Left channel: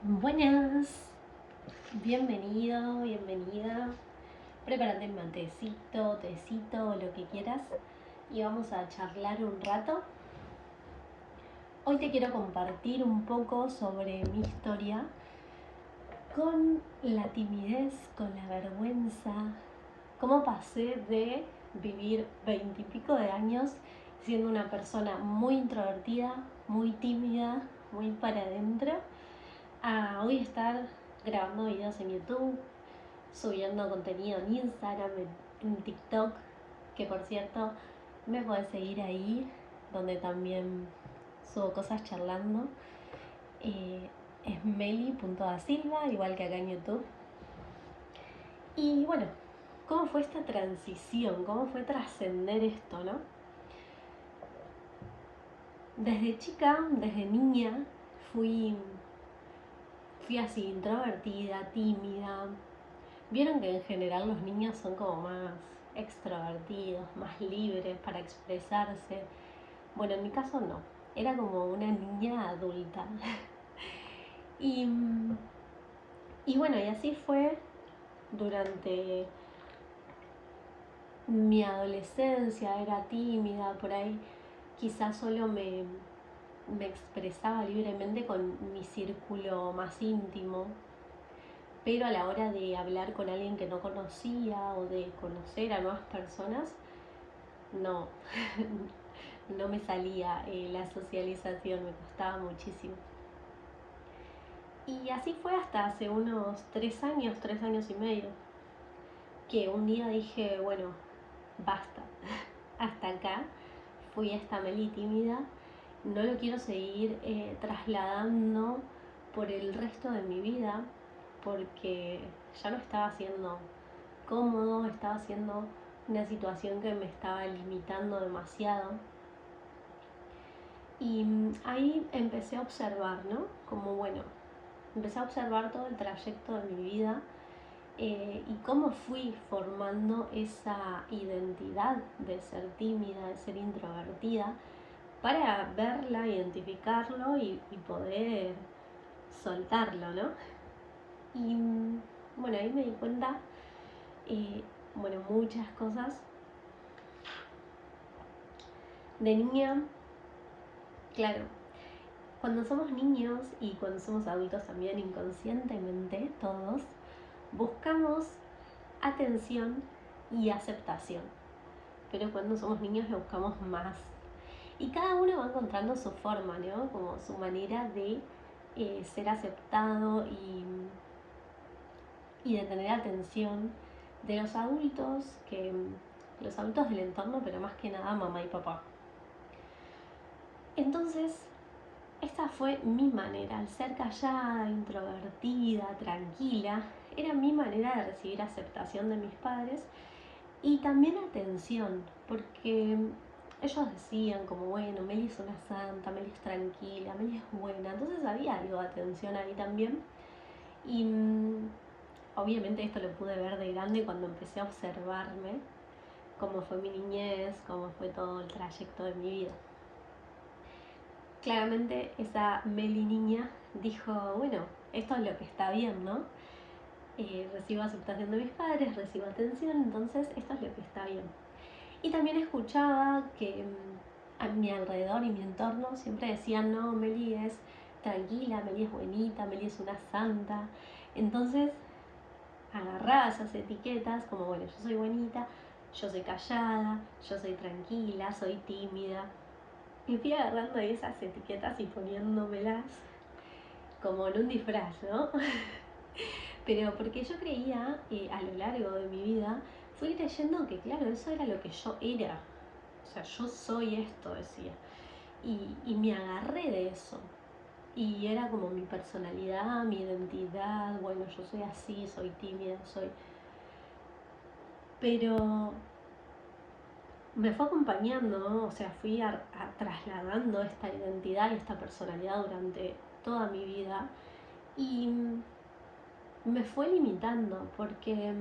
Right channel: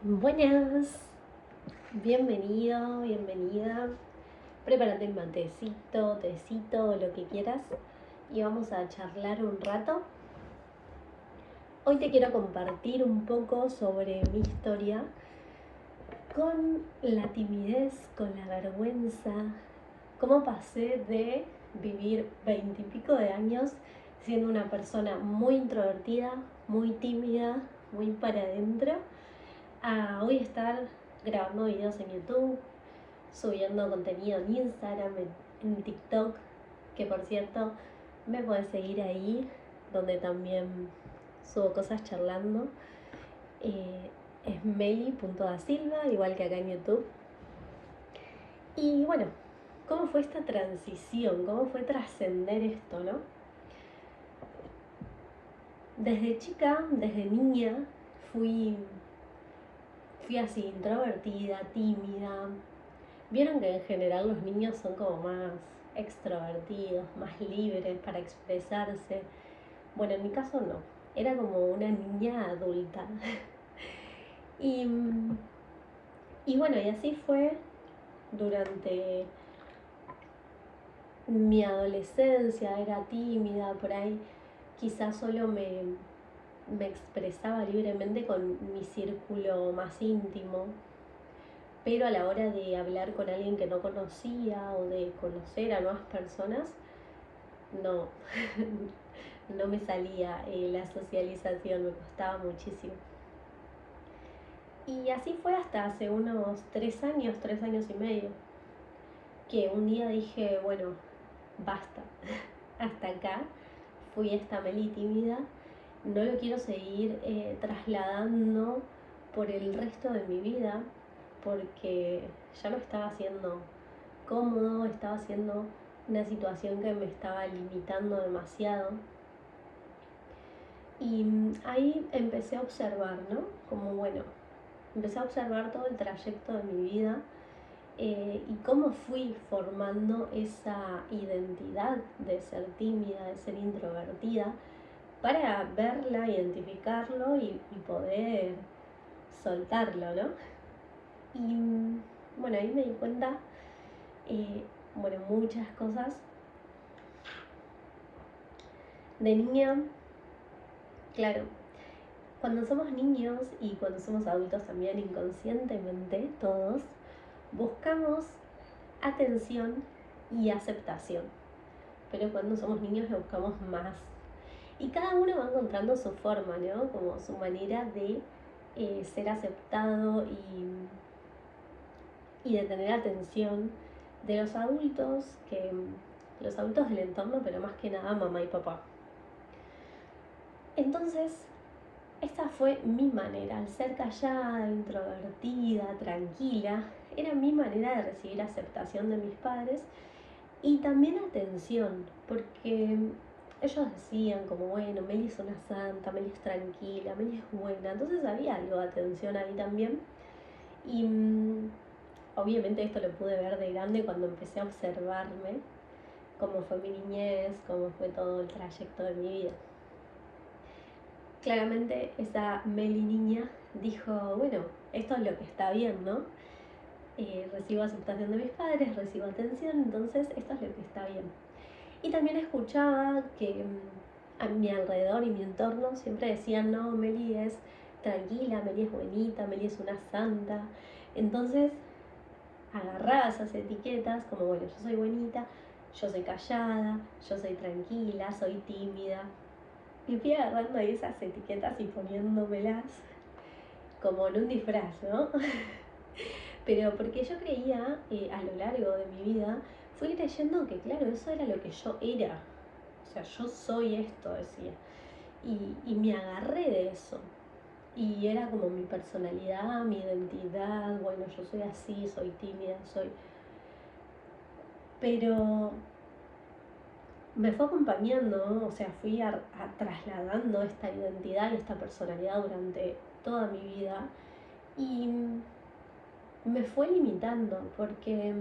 Buenas, bienvenido, bienvenida. Prepárate un matecito, tecito, lo que quieras y vamos a charlar un rato. Hoy te quiero compartir un poco sobre mi historia con la timidez, con la vergüenza, cómo pasé de vivir 20 y pico de años siendo una persona muy introvertida, muy tímida, muy para adentro, a hoy estar grabando videos en YouTube, subiendo contenido en Instagram, en TikTok, que por cierto me podés seguir ahí, donde también subo cosas charlando. Es meli.dasilva, igual que acá en YouTube. Y bueno, ¿cómo fue esta transición? ¿Cómo fue trascender esto, no? Desde chica, desde niña, fui, fui así, introvertida, tímida. Vieron que en general los niños son como más extrovertidos, más libres para expresarse. Bueno, en mi caso no, era como una niña adulta. y, y bueno, y así fue durante mi adolescencia, era tímida, por ahí quizás solo me expresaba libremente con mi círculo más íntimo, pero a la hora de hablar con alguien que no conocía o de conocer a nuevas personas, no, no me salía la socialización, me costaba muchísimo. Y así fue hasta hace unos 3 años y medio, que un día dije, bueno, basta, hasta acá, fui esta Meli tímida, no lo quiero seguir trasladando por el resto de mi vida, porque ya no estaba haciendo cómodo, estaba haciendo una situación que me estaba limitando demasiado. Y ahí empecé a observar, ¿no? Como bueno, empecé a observar todo el trayecto de mi vida y cómo fui formando esa identidad de ser tímida, de ser introvertida, para verla, identificarlo y poder soltarlo, ¿no? Y bueno, ahí me di cuenta, bueno, muchas cosas. De niña, claro, cuando somos niños y cuando somos adultos también inconscientemente todos, buscamos atención y aceptación. Pero cuando somos niños lo buscamos más. Y cada uno va encontrando su forma, ¿no? Como su manera de ser aceptado y de tener atención de los adultos, los adultos del entorno, pero más que nada mamá y papá. Entonces, esta fue mi manera, al ser callada, introvertida, tranquila, era mi manera de recibir aceptación de mis padres y también atención, porque ellos decían como, bueno, Meli es una santa, Meli es tranquila, Meli es buena, entonces había algo de atención ahí también. Y obviamente esto lo pude ver de grande cuando empecé a observarme, cómo fue mi niñez, cómo fue todo el trayecto de mi vida. Claramente esa Meli niña dijo, bueno, esto es lo que está bien, ¿no? Recibo aceptación de mis padres, recibo atención, entonces esto es lo que está bien. Y también escuchaba que a mi alrededor y mi entorno siempre decían, no, Meli es tranquila, Meli es buenita, Meli es una santa. Entonces agarraba esas etiquetas como, bueno, yo soy buenita, yo soy callada, yo soy tranquila, soy tímida. Y fui agarrando esas etiquetas y poniéndomelas como en un disfraz, ¿no? Pero porque yo creía, a lo largo de mi vida, fui creyendo que, claro, eso era lo que yo era. O sea, yo soy esto, decía. Y me agarré de eso. Y era como mi personalidad, mi identidad. Bueno, yo soy así, soy tímida, soy... Pero me fue acompañando, ¿no? O sea, fui trasladando esta identidad y esta personalidad durante toda mi vida. Y me fue limitando porque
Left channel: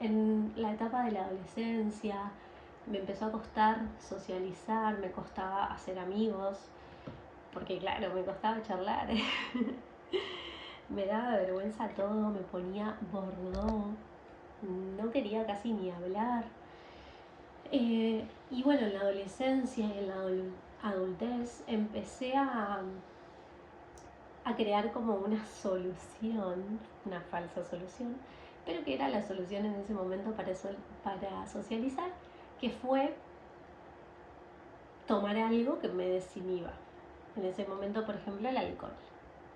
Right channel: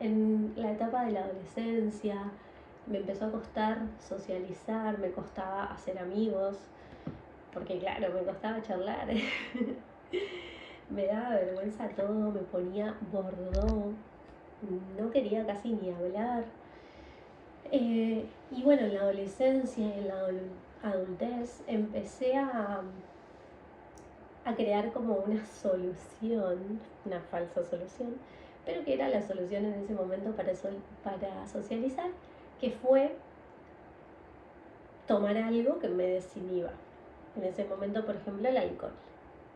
en la etapa de la adolescencia me empezó a costar socializar, me costaba hacer amigos, porque claro, me costaba charlar. me daba vergüenza todo, me ponía bordó, no quería casi ni hablar. Y bueno, en la adolescencia y en la adultez empecé a crear como una solución, una falsa solución, pero que era la solución en ese momento para socializar, que fue tomar algo que me desinhiba. En ese momento, por ejemplo, el alcohol.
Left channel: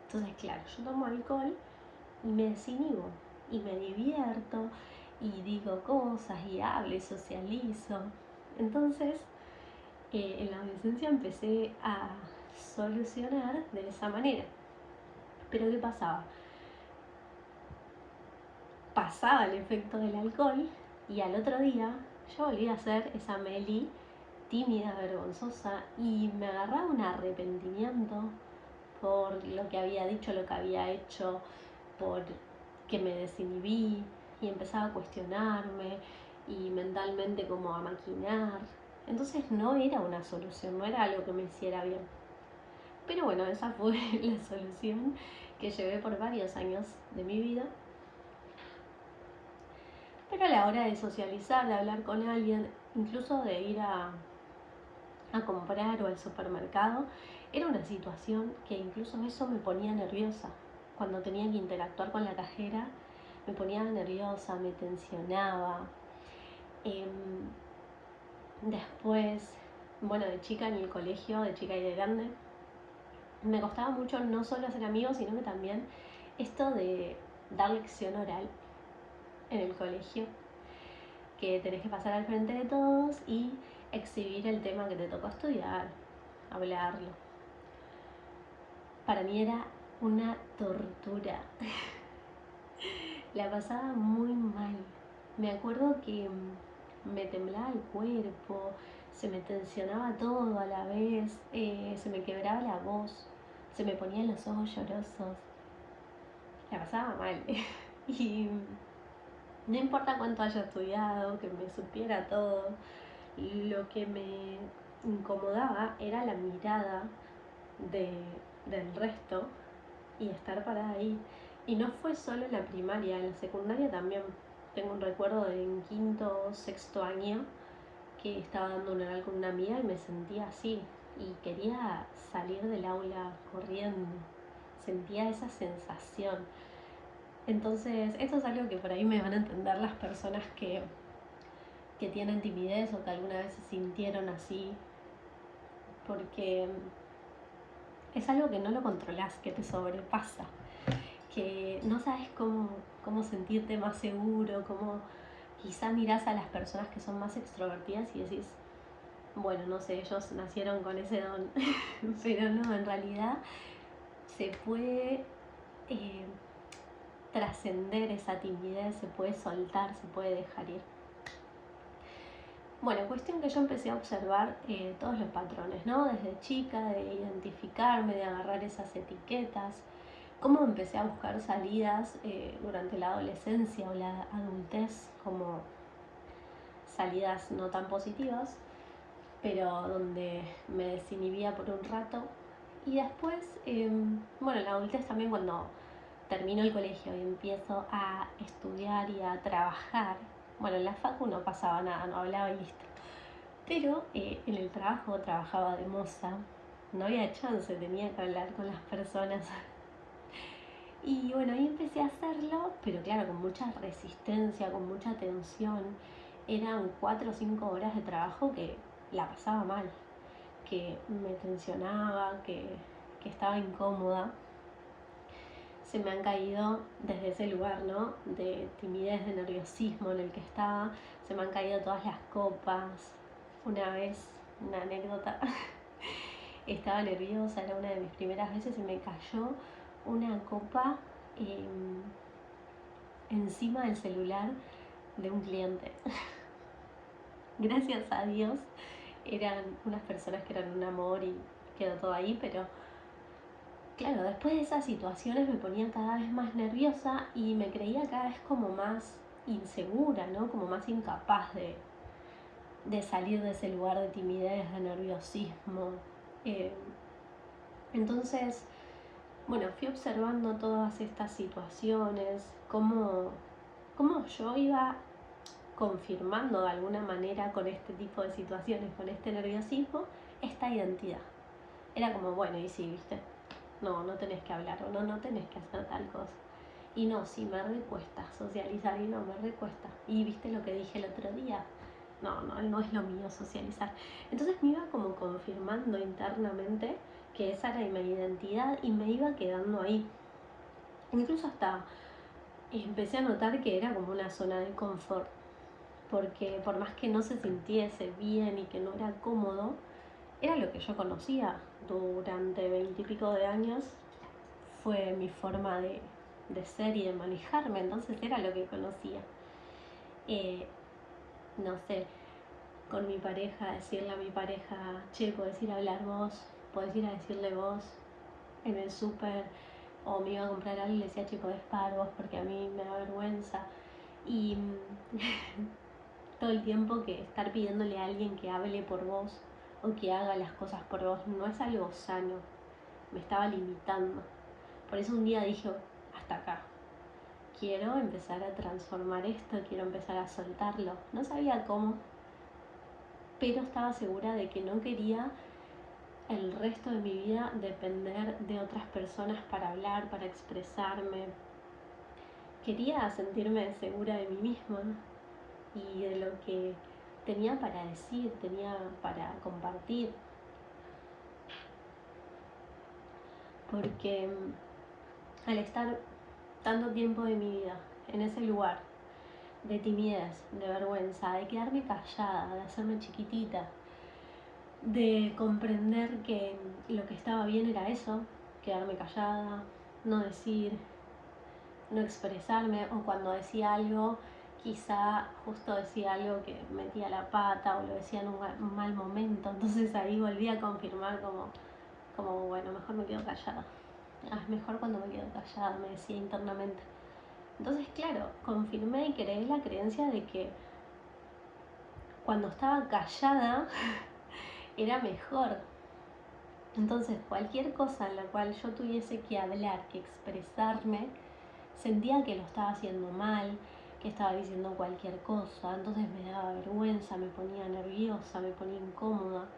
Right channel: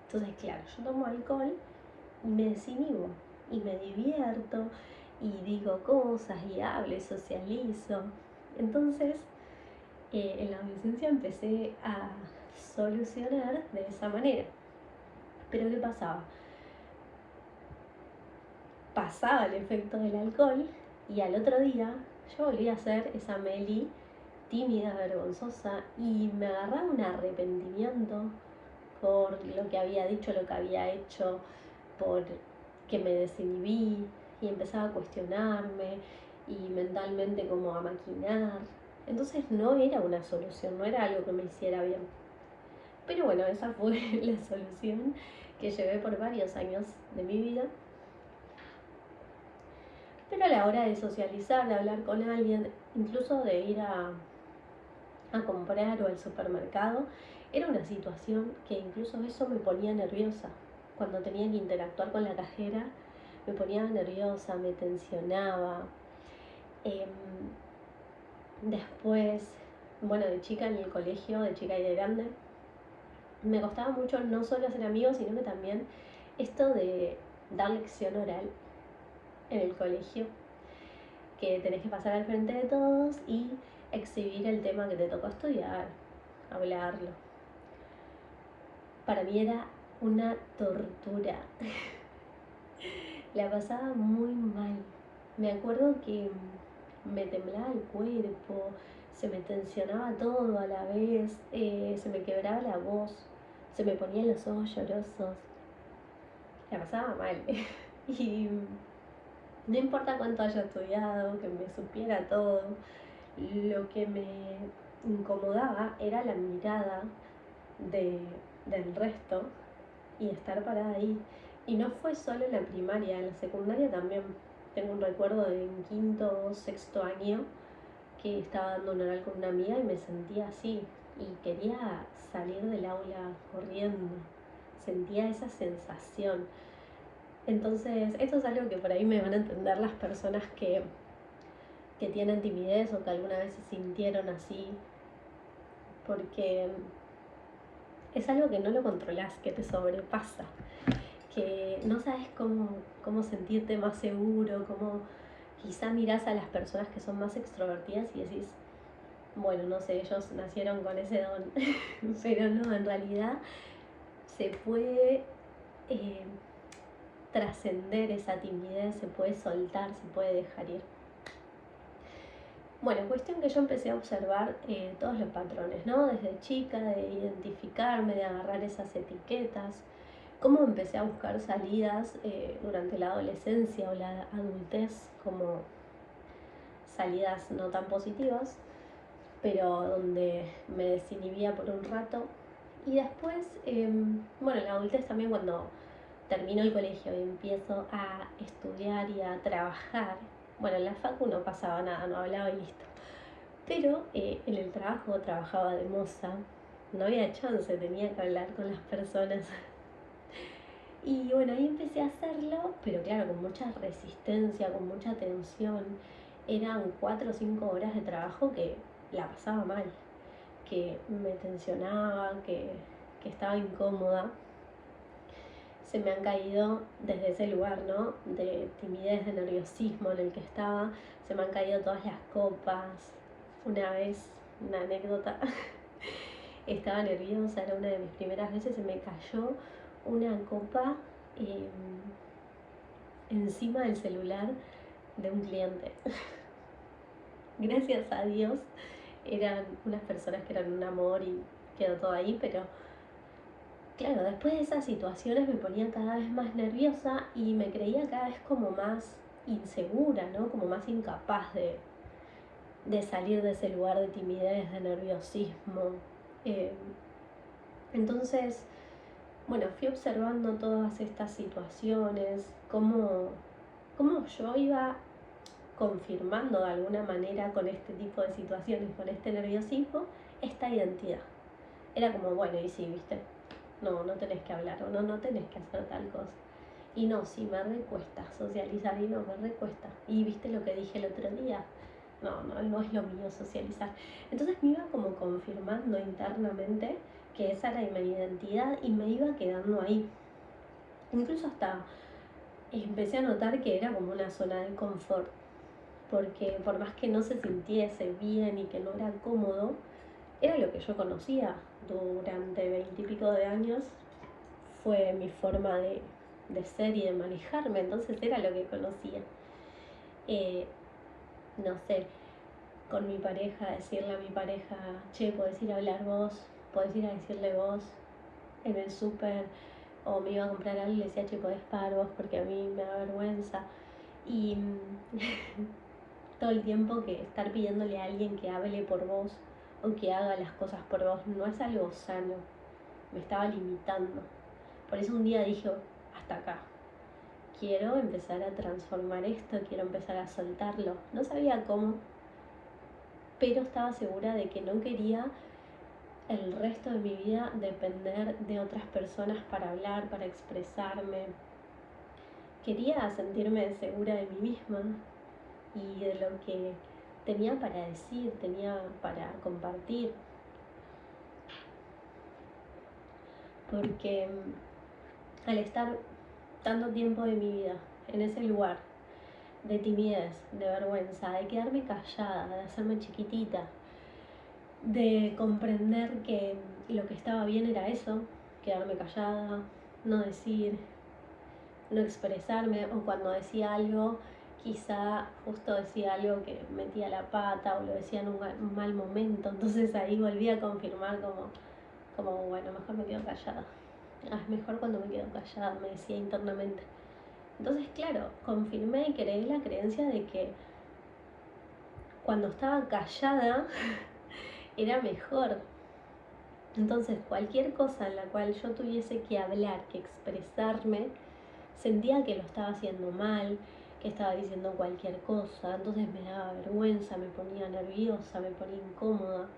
Entonces, claro, yo tomo alcohol y me desinhibo y me divierto y digo cosas y hablo y socializo. Entonces, en la adolescencia empecé a solucionar de esa manera. Pero ¿qué pasaba? Pasaba el efecto del alcohol y al otro día yo volví a ser esa Meli tímida, vergonzosa, y me agarraba un arrepentimiento por lo que había dicho, lo que había hecho, por que me desinhibí y empezaba a cuestionarme y mentalmente como a maquinar. Entonces no era una solución, no era algo que me hiciera bien. Pero bueno, esa fue la solución que llevé por varios años de mi vida. Pero a la hora de socializar, de hablar con alguien, incluso de ir a comprar o al supermercado, era una situación que incluso eso me ponía nerviosa. Cuando tenía que interactuar con la cajera, me ponía nerviosa, me tensionaba. Después, bueno, de chica en el colegio, de chica y de grande, me costaba mucho no solo hacer amigos, sino que también esto de dar lección oral en el colegio, que tenés que pasar al frente de todos y exhibir el tema que te tocó estudiar, hablarlo. Para mí era una tortura. La pasaba muy mal. Me acuerdo que me temblaba el cuerpo, se me tensionaba todo a la vez, se me quebraba la voz, se me ponían los ojos llorosos. La pasaba mal. Y no importa cuánto haya estudiado, que me supiera todo, lo que me incomodaba era la mirada del resto y estar parada ahí. Y no fue solo en la primaria, en la secundaria también. Tengo un recuerdo de en quinto o sexto año que estaba dando un oral con una amiga y me sentía así y quería salir del aula corriendo. Sentía esa sensación. Entonces, esto es algo que por ahí me van a entender las personas que tienen timidez o que alguna vez se sintieron así, porque es algo que no lo controlas, que te sobrepasa, que no sabes cómo sentirte más seguro, cómo quizá mirás a las personas que son más extrovertidas y decís, bueno, no sé, ellos nacieron con ese don, pero no, en realidad se puede trascender esa timidez, se puede soltar, se puede dejar ir. Bueno, cuestión que yo empecé a observar todos los patrones, ¿no? Desde chica, de identificarme, de agarrar esas etiquetas, cómo empecé a buscar salidas durante la adolescencia o la adultez, como salidas no tan positivas, pero donde me desinhibía por un rato. Y después, bueno, en la adultez también cuando termino el colegio y empiezo a estudiar y a trabajar, bueno, en la facu no pasaba nada, no hablaba y listo. Pero en el trabajo trabajaba de moza, no había chance, tenía que hablar con las personas. Y bueno, ahí empecé a hacerlo, pero claro, con mucha resistencia, con mucha tensión. Eran 4 o 5 horas de trabajo que la pasaba mal, que me tensionaba, que estaba incómoda. Se me han caído desde ese lugar, ¿no? De timidez, de nerviosismo en el que estaba, se me han caído todas las copas. Una vez, una anécdota, estaba nerviosa, era una de mis primeras veces, se me cayó una copa encima del celular de un cliente. Gracias a Dios eran unas personas que eran un amor y quedó todo ahí, pero claro, después de esas situaciones me ponía cada vez más nerviosa y me creía cada vez como más insegura, ¿no? Como más incapaz de salir de ese lugar de timidez, de nerviosismo. Entonces, bueno, fui observando todas estas situaciones, cómo yo iba confirmando de alguna manera con este tipo de situaciones, con este nerviosismo, esta identidad. Era como, bueno, y sí, viste, no tenés que hablar o no tenés que hacer tal cosa. Y no, sí, me recuesta socializar y no, me recuesta. Y viste lo que dije el otro día, no es lo mío socializar. Entonces me iba como confirmando internamente que esa era mi identidad y me iba quedando ahí. Incluso hasta empecé a notar que era como una zona de confort, porque por más que no se sintiese bien y que no era cómodo, era lo que yo conocía durante 20 y pico de años, fue mi forma de ser y de manejarme, entonces era lo que conocía. No sé, con mi pareja, decirle a mi pareja, che, podés ir a hablar vos, podés ir a decirle vos en el súper, o me iba a comprar algo y le decía, che, podés parar vos porque a mí me da vergüenza. Y todo el tiempo que estar pidiéndole a alguien que hable por vos o que haga las cosas por vos no es algo sano, me estaba limitando. Por eso un día dije, hasta acá, quiero empezar a transformar esto, quiero empezar a soltarlo. No sabía cómo, pero estaba segura de que no quería el resto de mi vida depender de otras personas para hablar, para expresarme. Quería sentirme segura de mí misma y de lo que tenía para decir, tenía para compartir. Porque al estar tanto tiempo de mi vida en ese lugar de timidez, de vergüenza, de quedarme callada, de hacerme chiquitita, de comprender que lo que estaba bien era eso, quedarme callada, no decir, no expresarme, o cuando decía algo, quizá justo decía algo que metía la pata o lo decía en un mal momento, entonces ahí volví a confirmar como bueno, mejor me quedo callada. Es mejor cuando me quedo callada, me decía internamente. Entonces, claro, confirmé y creé la creencia de que cuando estaba callada era mejor. Entonces, cualquier cosa en la cual yo tuviese que hablar, que expresarme, sentía que lo estaba haciendo mal, que estaba diciendo cualquier cosa, entonces me daba vergüenza, me ponía nerviosa, me ponía incómoda.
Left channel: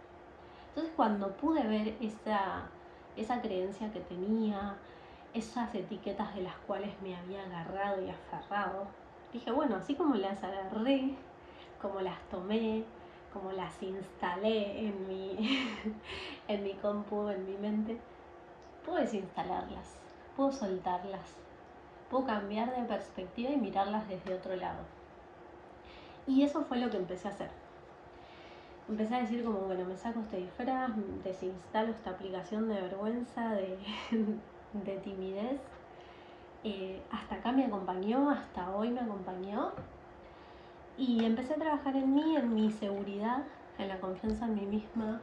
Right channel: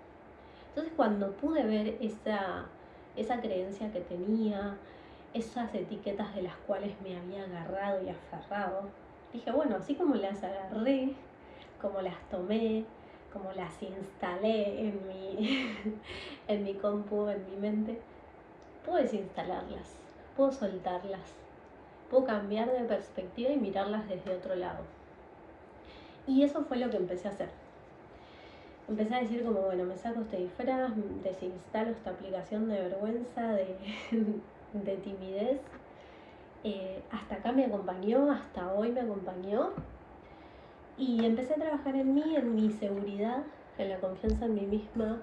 Entonces, cuando pude ver esa creencia que tenía, esas etiquetas de las cuales me había agarrado y aferrado, dije, bueno, así como las agarré, como las tomé, como las instalé en mi compu, en mi mente, puedo desinstalarlas, puedo soltarlas, puedo cambiar de perspectiva y mirarlas desde otro lado. Y eso fue lo que empecé a hacer. Empecé a decir como, bueno, me saco este disfraz, desinstalo esta aplicación de vergüenza, de timidez. Hasta acá me acompañó, hasta hoy me acompañó. Y empecé a trabajar en mí, en mi seguridad, en la confianza en mí misma,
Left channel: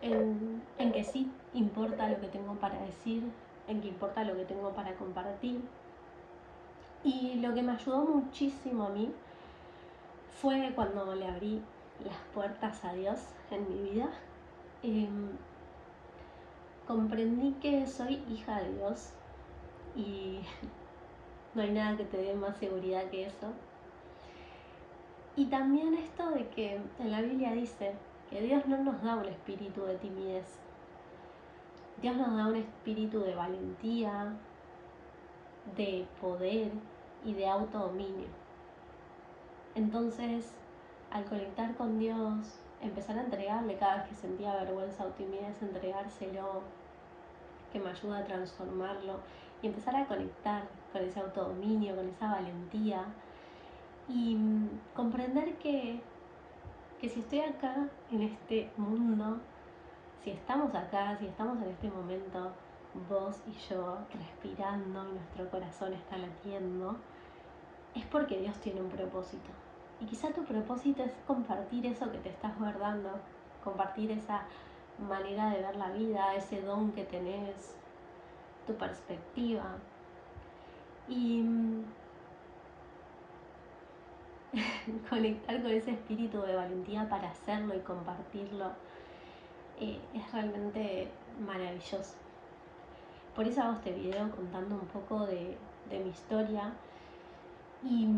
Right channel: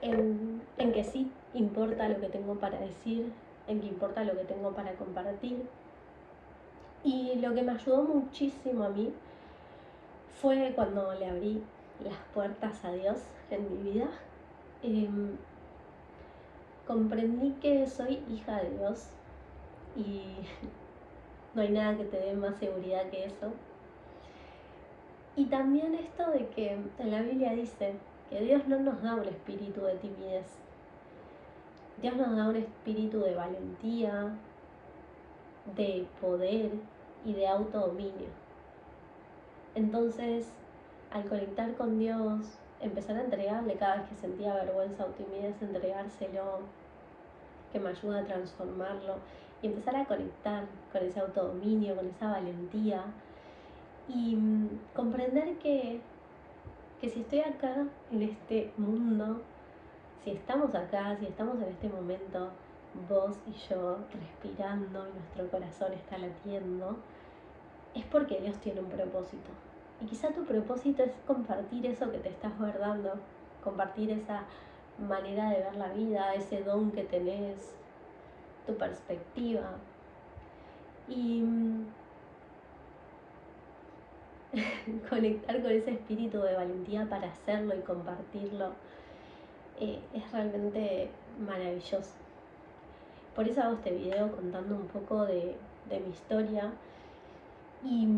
en que sí importa lo que tengo para decir, en que importa lo que tengo para compartir. Y lo que me ayudó muchísimo a mí fue cuando le abrí las puertas a Dios en mi vida. Comprendí que soy hija de Dios y no hay nada que te dé más seguridad que eso. Y también esto de que en la Biblia dice que Dios no nos da un espíritu de timidez. Dios nos da un espíritu de valentía, de poder y de autodominio. Entonces, al conectar con Dios, empezar a entregarle cada vez que sentía vergüenza o timidez, entregárselo, que me ayuda a transformarlo y empezar a conectar con ese autodominio, con esa valentía y comprender que si estoy acá en este mundo, si estamos acá, si estamos en este momento, vos y yo respirando y nuestro corazón está latiendo, es porque Dios tiene un propósito. Y quizá tu propósito es compartir eso que te estás guardando, compartir esa manera de ver la vida, ese don que tenés, tu perspectiva. Y conectar con ese espíritu de valentía para hacerlo y compartirlo es realmente maravilloso. Por eso hago este video contando un poco de mi historia y,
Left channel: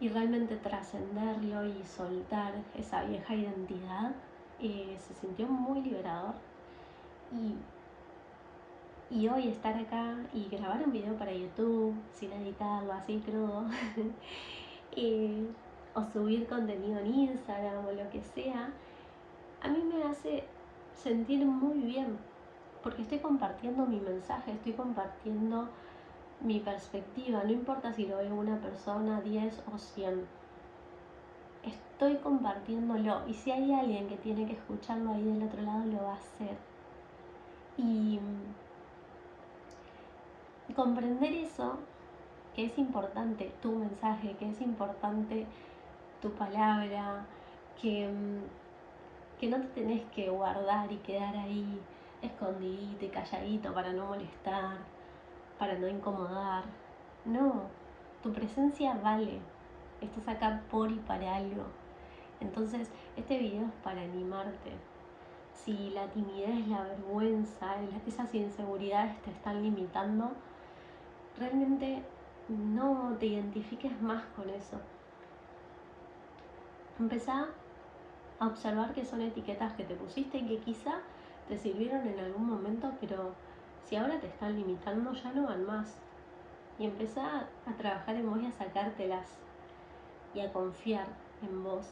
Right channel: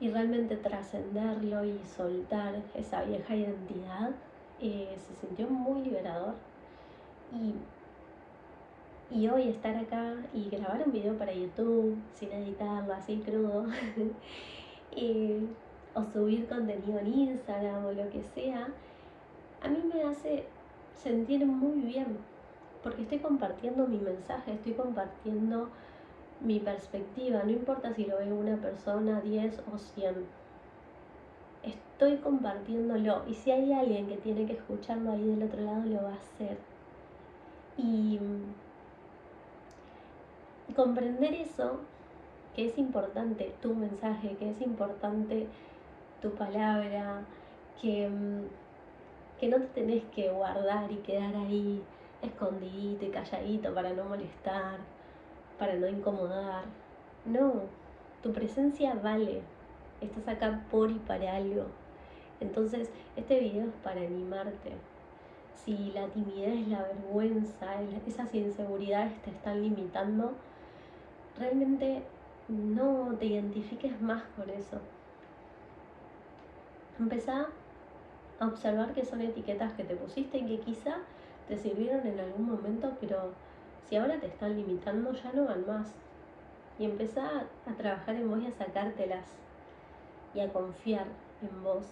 y realmente trascenderlo y soltar esa vieja identidad se sintió muy liberador. Y hoy estar acá y grabar un video para YouTube sin editarlo, así crudo, o subir contenido en Instagram o lo que sea, a mí me hace sentir muy bien, porque estoy compartiendo mi mensaje, estoy compartiendo mi perspectiva, no importa si lo ve una persona, 10 o 100. Estoy compartiéndolo, y si hay alguien que tiene que escucharlo ahí del otro lado, lo va a hacer. Y comprender eso, que es importante tu mensaje, que es importante tu palabra, que no te tenés que guardar y quedar ahí escondidito y calladito para no molestar, para no incomodar. No, tu presencia vale, estás acá por y para algo. Entonces, este video es para animarte. Si la timidez, la vergüenza, esas inseguridades te están limitando, realmente no te identifiques más con eso. Empezá a observar que son etiquetas que te pusiste y que quizá te sirvieron en algún momento, pero si ahora te están limitando ya no van más. Y empezá a trabajar en vos y a sacártelas y a confiar en vos.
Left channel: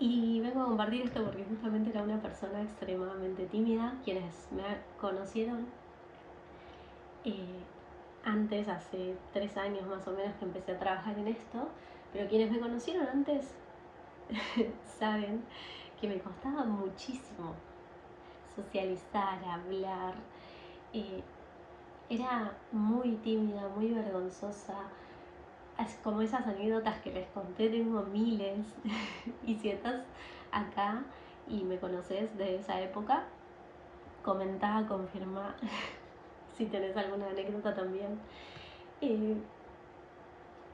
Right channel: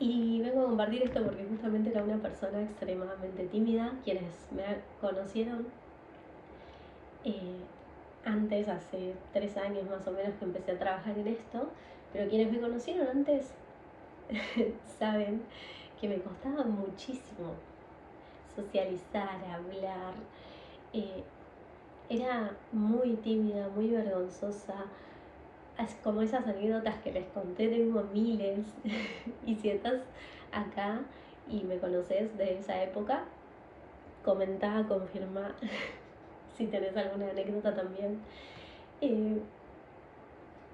Y vengo a compartir esto porque justamente era una persona extremadamente tímida. Quienes me conocieron antes, hace 3 años más o menos que empecé a trabajar en esto, pero quienes me conocieron antes saben que me costaba muchísimo socializar, hablar. Era muy tímida, muy vergonzosa. Como esas anécdotas que les conté, tengo miles. Y si estás acá y me conoces de esa época, comentá, confirmá si tenés alguna anécdota también.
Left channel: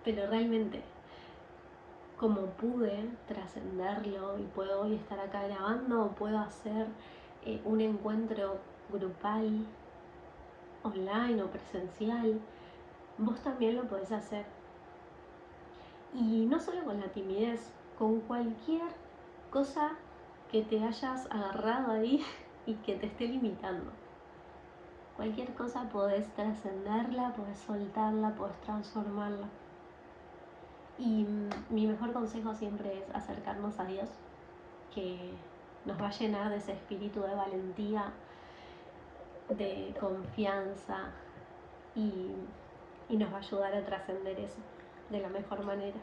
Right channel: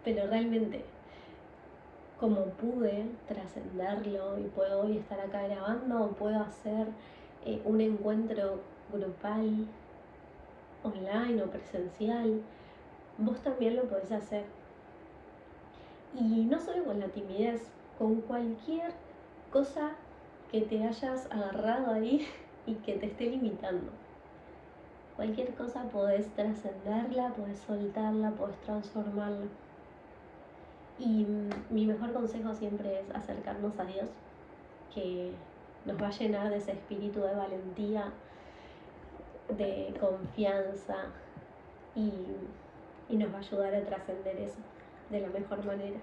Pero realmente, como pude trascenderlo y puedo hoy estar acá grabando, o puedo hacer un encuentro grupal, online o presencial, vos también lo podés hacer. Y no solo con la timidez, con cualquier cosa que te hayas agarrado ahí y que te esté limitando. Cualquier cosa podés trascenderla, podés soltarla, podés transformarla. Y mi mejor consejo siempre es acercarnos a Dios, que nos va a llenar de ese espíritu de valentía, de confianza y nos va a ayudar a trascender eso de la mejor manera.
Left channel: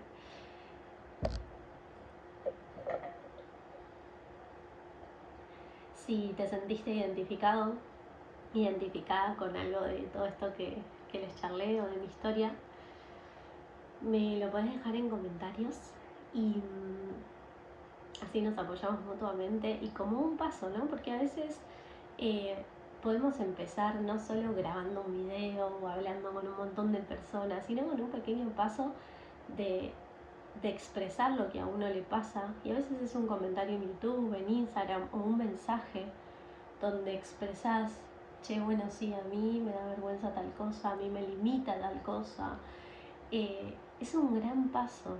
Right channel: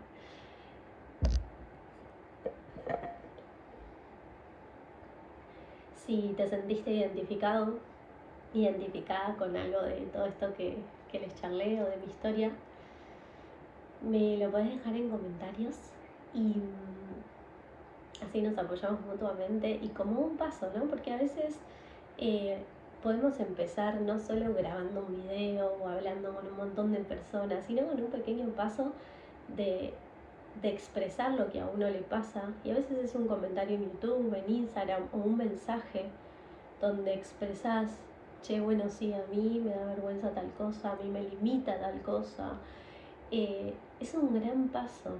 Si te sentiste identificada con algo de todo esto que les charlé o de mi historia, me lo podés dejar en comentarios y así nos apoyamos mutuamente y como un paso, ¿no? Porque a veces podemos empezar no solo grabando un video o hablando con un montón de personas, sino con un pequeño paso de expresar lo que a uno le pasa. Y a veces es un comentario en YouTube, en Instagram o un mensaje donde expresás, che, bueno, sí, a mí me da vergüenza tal cosa, a mí me limita tal cosa. Es un gran paso.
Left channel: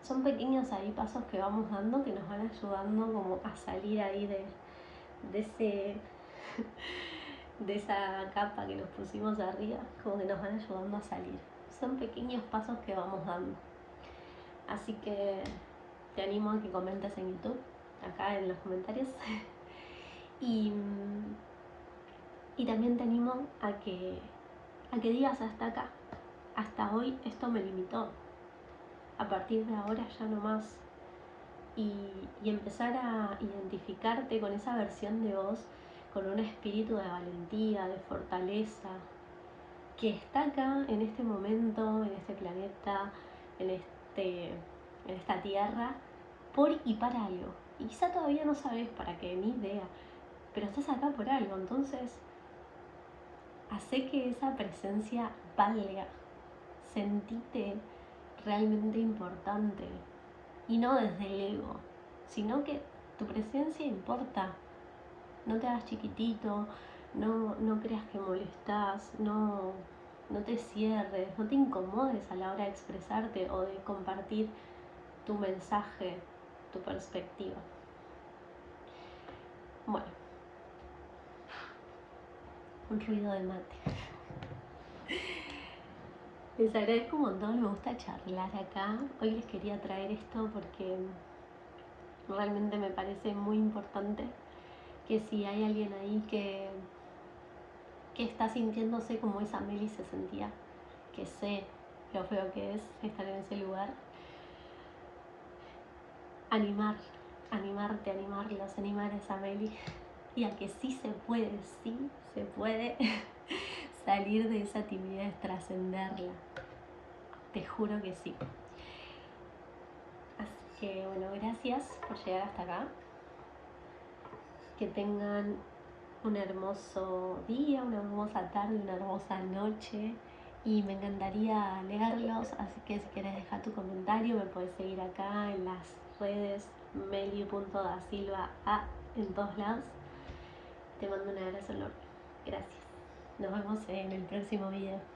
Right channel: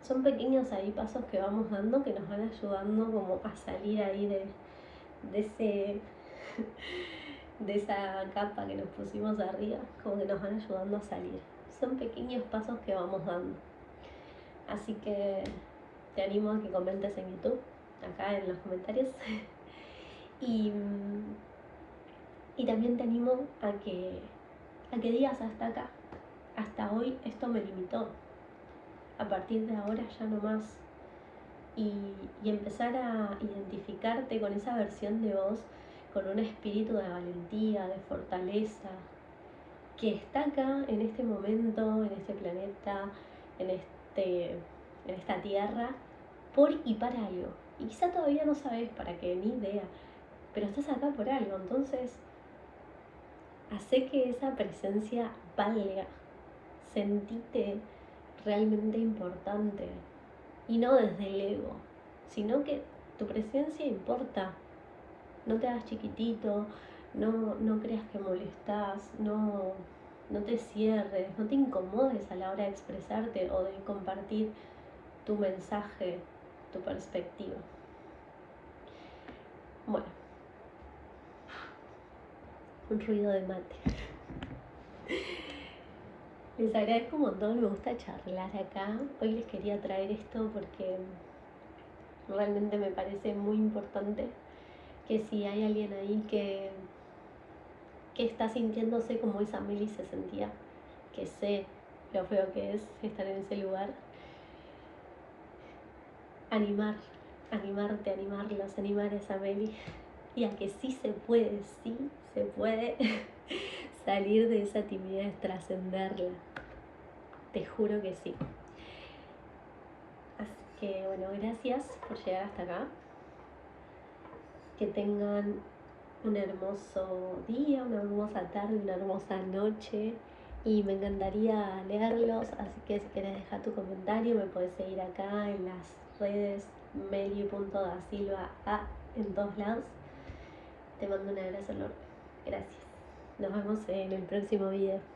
Son pequeños ahí pasos que vamos dando que nos van ayudando como a salir ahí de ese de esa capa que nos pusimos arriba, como que nos van ayudando a salir. Son pequeños pasos que vamos dando. Así que te animo a que comentes en YouTube, acá en los comentarios. y también te animo a que digas hasta acá. Hasta hoy esto me limitó. A partir de ahora ya no más. Y empezar a identificarte con esa versión de vos, con un espíritu de valentía, de fortaleza, que está acá en este momento, en este planeta, en esta tierra, por y para algo. Y quizá todavía no sabes para qué, ni idea, pero estás acá por algo. Entonces, hace que esa presencia valga. Sentite realmente importante. Y no desde el ego, sino que tu presencia importa. no te hagas chiquitito, no creas que molestás, no te cierres, no te incomodes a la hora de expresarte o de compartir tu mensaje, tu perspectiva. Bueno, un ruido de mate. Les agradezco un montón, me gusta charlar acá. Hoy les quería traer esto porque realmente me parece muy importante que si hay alguien ahí que está sintiéndose como esa Meli se sentía, que sé lo feo que es estar en ese lugar, animarlos, animar a esa Meli y a que sí se puede salir de esa timidez, trascenderla. Te juro que sí. Así que bueno, gracias por llegar hasta acá. Que tengan un hermoso día, una hermosa tarde, una hermosa noche. Y me encantaría leerlos, así que si quieres dejar tu comentario, me puedes seguir acá en las redes meli.dasilva en todos lados. Te mando un abrazo enorme. Gracias. Nos vemos en el próximo video.